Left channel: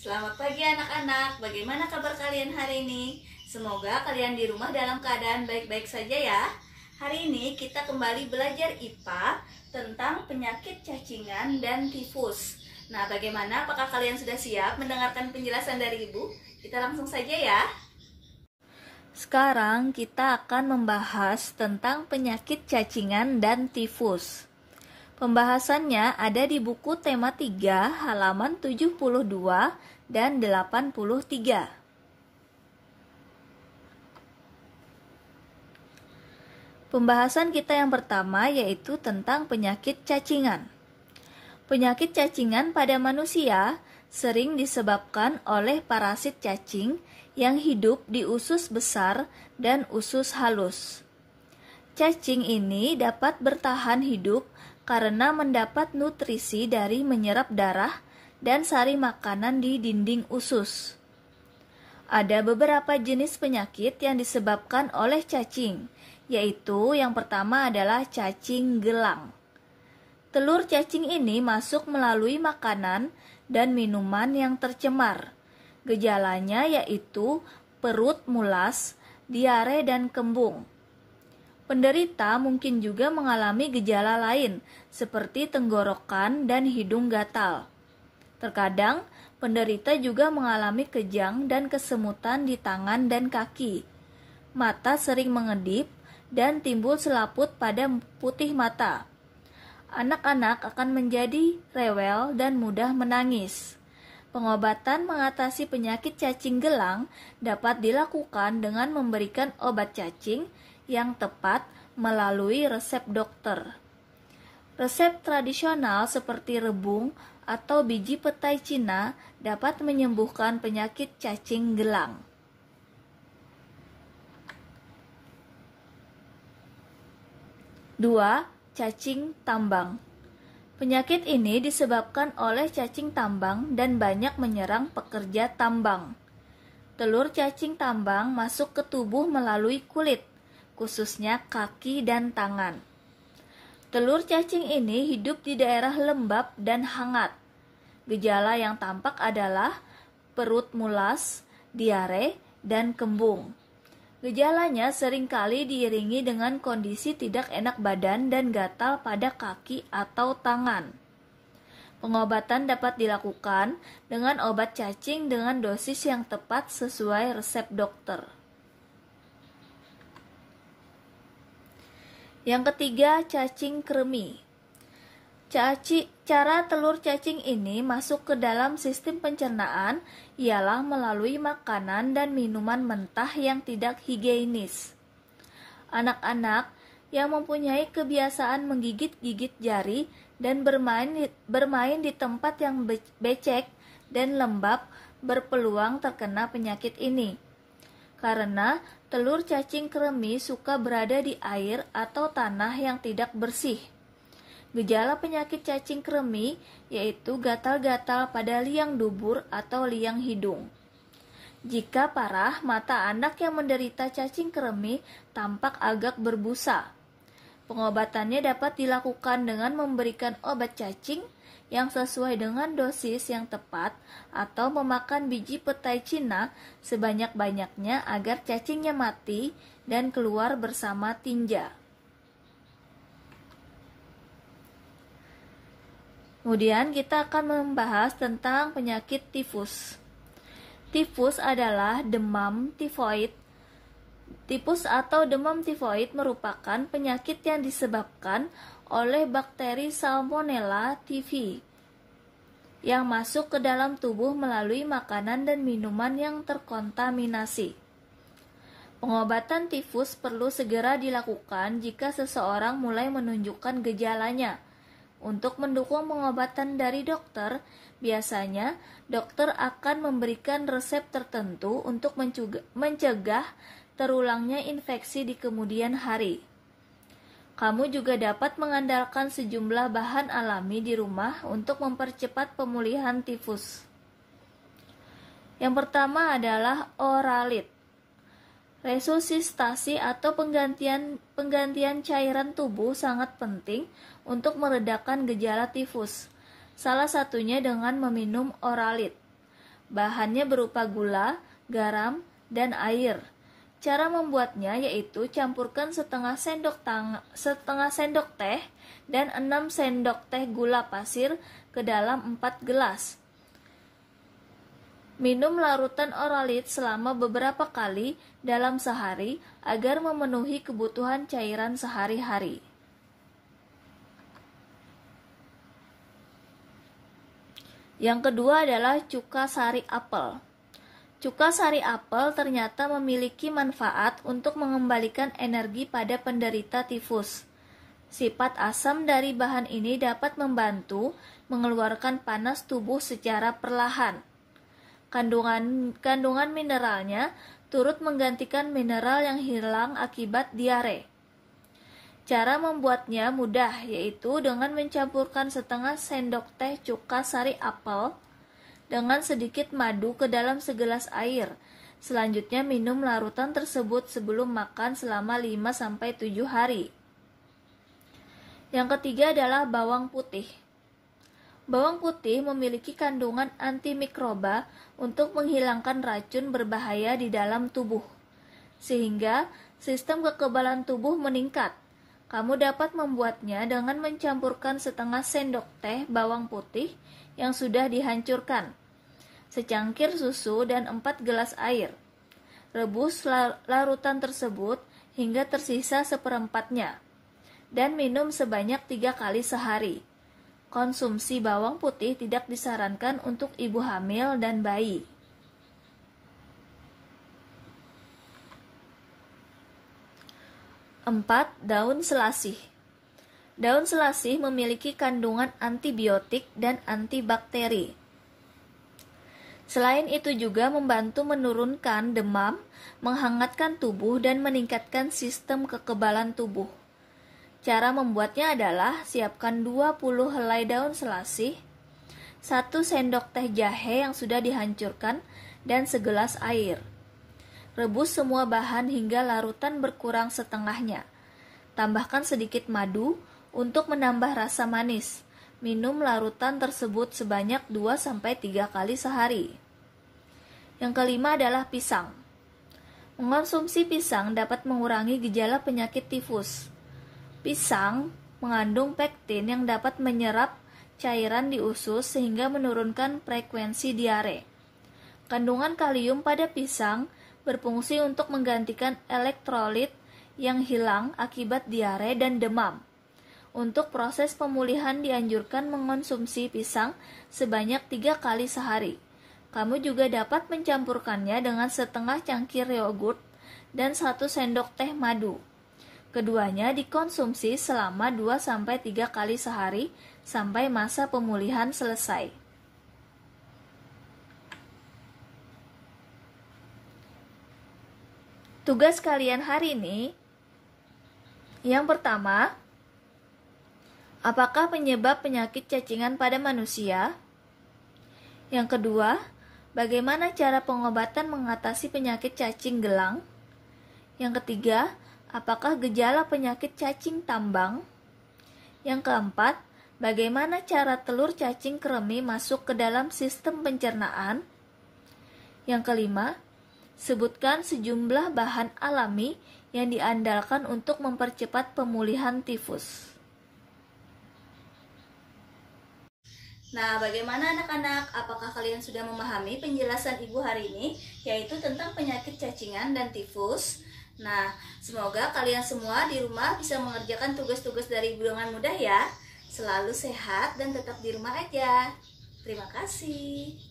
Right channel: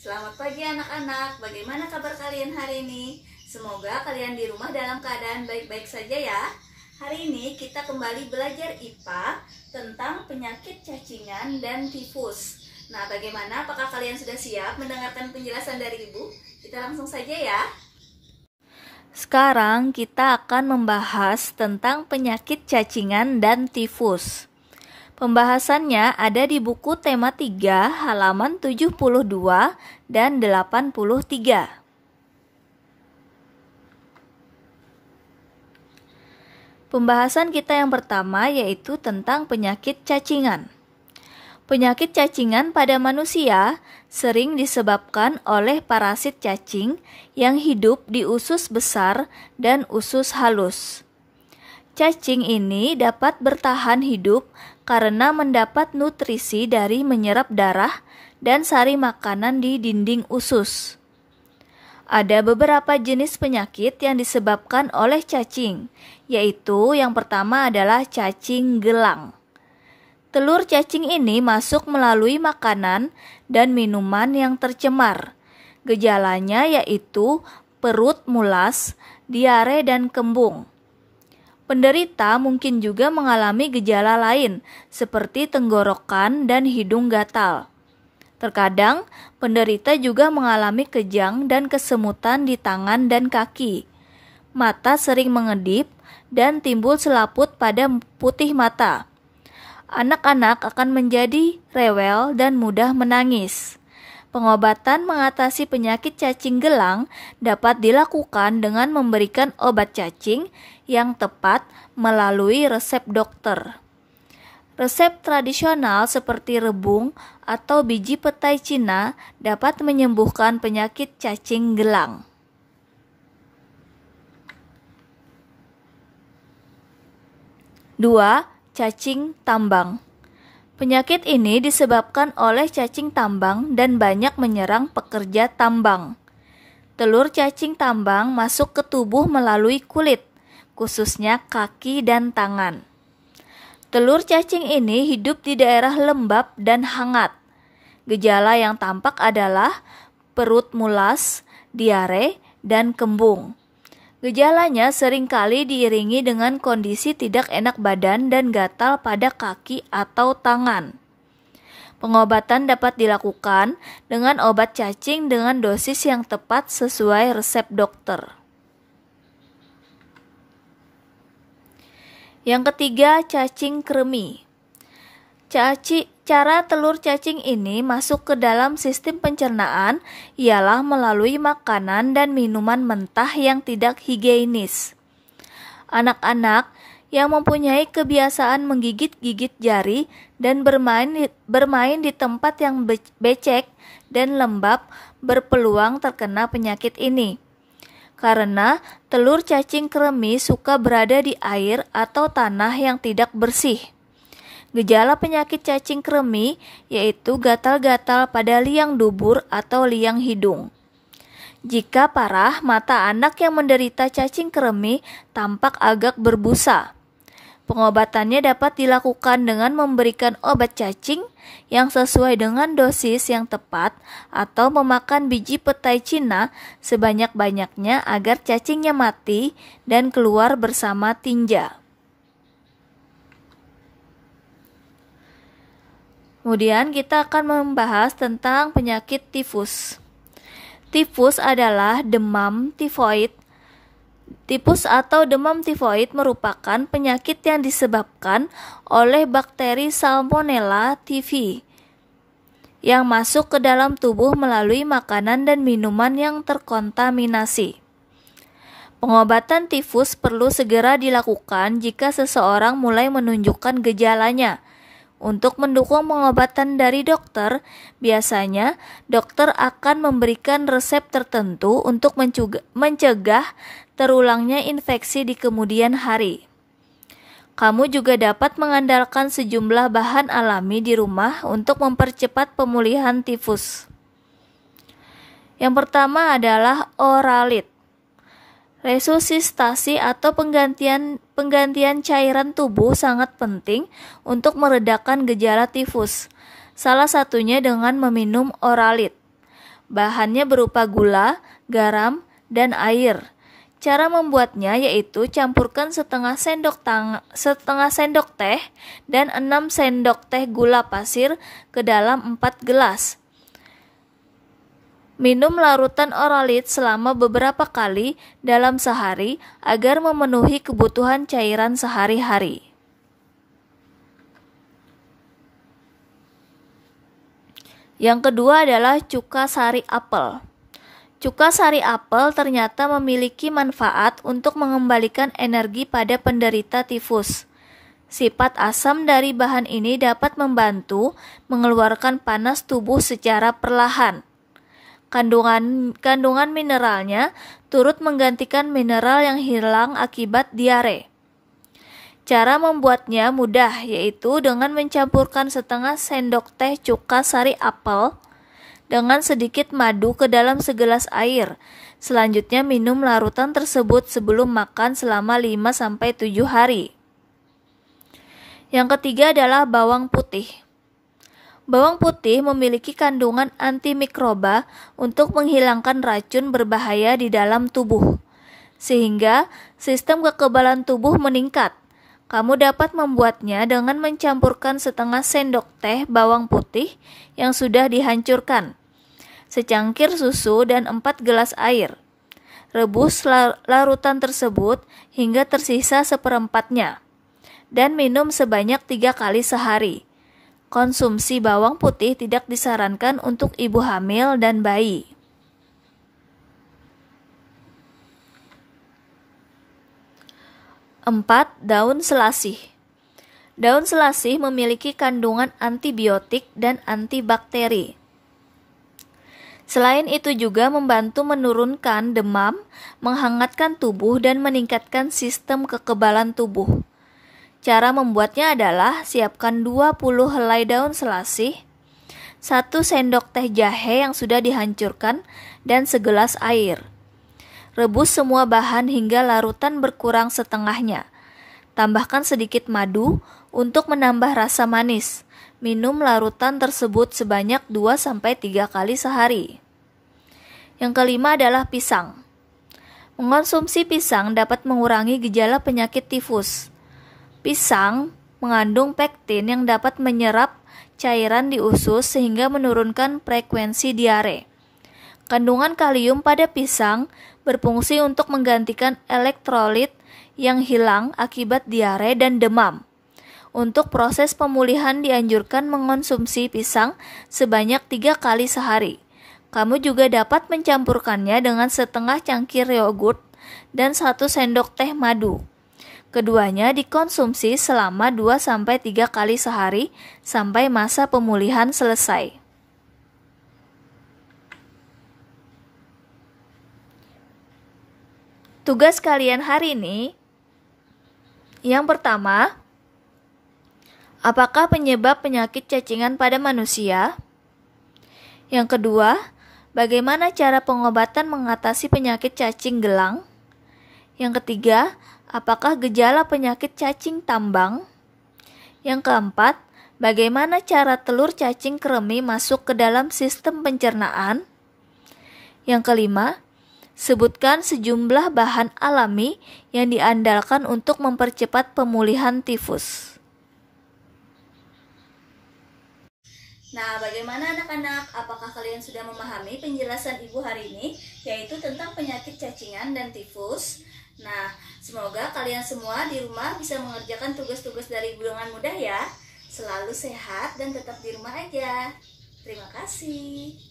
Selamat pagi anak-anak, bagaimana kabar kalian hari ini? Semoga kalian di rumah dalam keadaan baik-baik saja ya. Hari ini kita kembali belajar IPA tentang penyakit cacingan dan tifus. Nah, bagaimana? Apakah kalian sudah siap mendengarkan penjelasan dari Ibu? Kita langsung saja ya. Sekarang kita akan membahas tentang penyakit cacingan dan tifus. Pembahasannya ada di buku tema 3 halaman 72 dan 83. Pembahasan kita yang pertama yaitu tentang penyakit cacingan. Penyakit cacingan pada manusia sering disebabkan oleh parasit cacing yang hidup di usus besar dan usus halus. Cacing ini dapat bertahan hidup karena mendapat nutrisi dari menyerap darah dan sari makanan di dinding usus. Ada beberapa jenis penyakit yang disebabkan oleh cacing, yaitu yang pertama adalah cacing gelang. Telur cacing ini masuk melalui makanan dan minuman yang tercemar. Gejalanya yaitu perut mulas, diare, dan kembung. Penderita mungkin juga mengalami gejala lain seperti tenggorokan dan hidung gatal. Terkadang, penderita juga mengalami kejang dan kesemutan di tangan dan kaki. Mata sering mengedip dan timbul selaput pada putih mata. Anak-anak akan menjadi rewel dan mudah menangis. Pengobatan mengatasi penyakit cacing gelang dapat dilakukan dengan memberikan obat cacing yang tepat melalui resep dokter. Resep tradisional seperti rebung atau biji petai Cina dapat menyembuhkan penyakit cacing gelang. Dua, cacing tambang. Penyakit ini disebabkan oleh cacing tambang dan banyak menyerang pekerja tambang. Telur cacing tambang masuk ke tubuh melalui kulit, khususnya kaki dan tangan. Telur cacing ini hidup di daerah lembab dan hangat. Gejala yang tampak adalah perut mulas, diare, dan kembung. Gejalanya seringkali diiringi dengan kondisi tidak enak badan dan gatal pada kaki atau tangan. Pengobatan dapat dilakukan dengan obat cacing dengan dosis yang tepat sesuai resep dokter. Yang ketiga, cacing kremi. Cara telur cacing ini masuk ke dalam sistem pencernaan ialah melalui makanan dan minuman mentah yang tidak higienis. Anak-anak yang mempunyai kebiasaan menggigit-gigit jari dan bermain di tempat yang becek dan lembab berpeluang terkena penyakit ini. Karena telur cacing kremi suka berada di air atau tanah yang tidak bersih. Gejala penyakit cacing kremi yaitu gatal-gatal pada liang dubur atau liang hidung. Jika parah, mata anak yang menderita cacing kremi tampak agak berbusa. Pengobatannya dapat dilakukan dengan memberikan obat cacing yang sesuai dengan dosis yang tepat atau memakan biji petai Cina sebanyak-banyaknya agar cacingnya mati dan keluar bersama tinja. Kemudian kita akan membahas tentang penyakit tifus. Tifus adalah demam tifoid. Tifus atau demam tifoid merupakan penyakit yang disebabkan oleh bakteri Salmonella typhi yang masuk ke dalam tubuh melalui makanan dan minuman yang terkontaminasi. Pengobatan tifus perlu segera dilakukan jika seseorang mulai menunjukkan gejalanya. Untuk mendukung pengobatan dari dokter, biasanya dokter akan memberikan resep tertentu untuk mencegah terulangnya infeksi di kemudian hari. Kamu juga dapat mengandalkan sejumlah bahan alami di rumah untuk mempercepat pemulihan tifus. Yang pertama adalah oralit. Resusitasi atau penggantian cairan tubuh sangat penting untuk meredakan gejala tifus. Salah satunya dengan meminum oralit. Bahannya berupa gula, garam, dan air. Cara membuatnya yaitu campurkan setengah sendok teh dan 6 sendok teh gula pasir ke dalam 4 gelas. Minum larutan Oralit selama beberapa kali dalam sehari agar memenuhi kebutuhan cairan sehari-hari. Yang kedua adalah cuka sari apel. Cuka sari apel ternyata memiliki manfaat untuk mengembalikan energi pada penderita tifus. Sifat asam dari bahan ini dapat membantu mengeluarkan panas tubuh secara perlahan. Kandungan mineralnya turut menggantikan mineral yang hilang akibat diare. Cara membuatnya mudah, yaitu dengan mencampurkan setengah sendok teh cuka sari apel dengan sedikit madu ke dalam segelas air. Selanjutnya minum larutan tersebut sebelum makan selama 5-7 hari. Yang ketiga adalah bawang putih. Bawang putih memiliki kandungan antimikroba untuk menghilangkan racun berbahaya di dalam tubuh, sehingga sistem kekebalan tubuh meningkat. Kamu dapat membuatnya dengan mencampurkan setengah sendok teh bawang putih yang sudah dihancurkan, secangkir susu, dan 4 gelas air. Rebus larutan tersebut hingga tersisa seperempatnya, dan minum sebanyak 3 kali sehari. Konsumsi bawang putih tidak disarankan untuk ibu hamil dan bayi. 4. Daun selasih. Daun selasih memiliki kandungan antibiotik dan antibakteri. Selain itu juga membantu menurunkan demam, menghangatkan tubuh, dan meningkatkan sistem kekebalan tubuh. Cara membuatnya adalah siapkan 20 helai daun selasih, 1 sendok teh jahe yang sudah dihancurkan, dan segelas air. Rebus semua bahan hingga larutan berkurang setengahnya. Tambahkan sedikit madu untuk menambah rasa manis. Minum larutan tersebut sebanyak 2-3 kali sehari. Yang kelima adalah pisang. Mengonsumsi pisang dapat mengurangi gejala penyakit tifus. Pisang mengandung pektin yang dapat menyerap cairan di usus sehingga menurunkan frekuensi diare. Kandungan kalium pada pisang berfungsi untuk menggantikan elektrolit yang hilang akibat diare dan demam. Untuk proses pemulihan dianjurkan mengonsumsi pisang sebanyak 3 kali sehari. Kamu juga dapat mencampurkannya dengan setengah cangkir yogurt dan 1 sendok teh madu. Keduanya dikonsumsi selama 2-3 kali sehari sampai masa pemulihan selesai. Tugas kalian hari ini, yang pertama, apakah penyebab penyakit cacingan pada manusia? Yang kedua, bagaimana cara pengobatan mengatasi penyakit cacing gelang? Yang ketiga, apakah gejala penyakit cacing tambang? Yang keempat, bagaimana cara telur cacing kremi masuk ke dalam sistem pencernaan? Yang kelima, sebutkan sejumlah bahan alami yang diandalkan untuk mempercepat pemulihan tifus. Nah, bagaimana anak-anak? Apakah kalian sudah memahami penjelasan Ibu hari ini, yaitu tentang penyakit cacingan dan tifus? Nah, semoga kalian semua di rumah bisa mengerjakan tugas-tugas dari Ibu dengan mudah ya. Selalu sehat dan tetap di rumah aja. Terima kasih.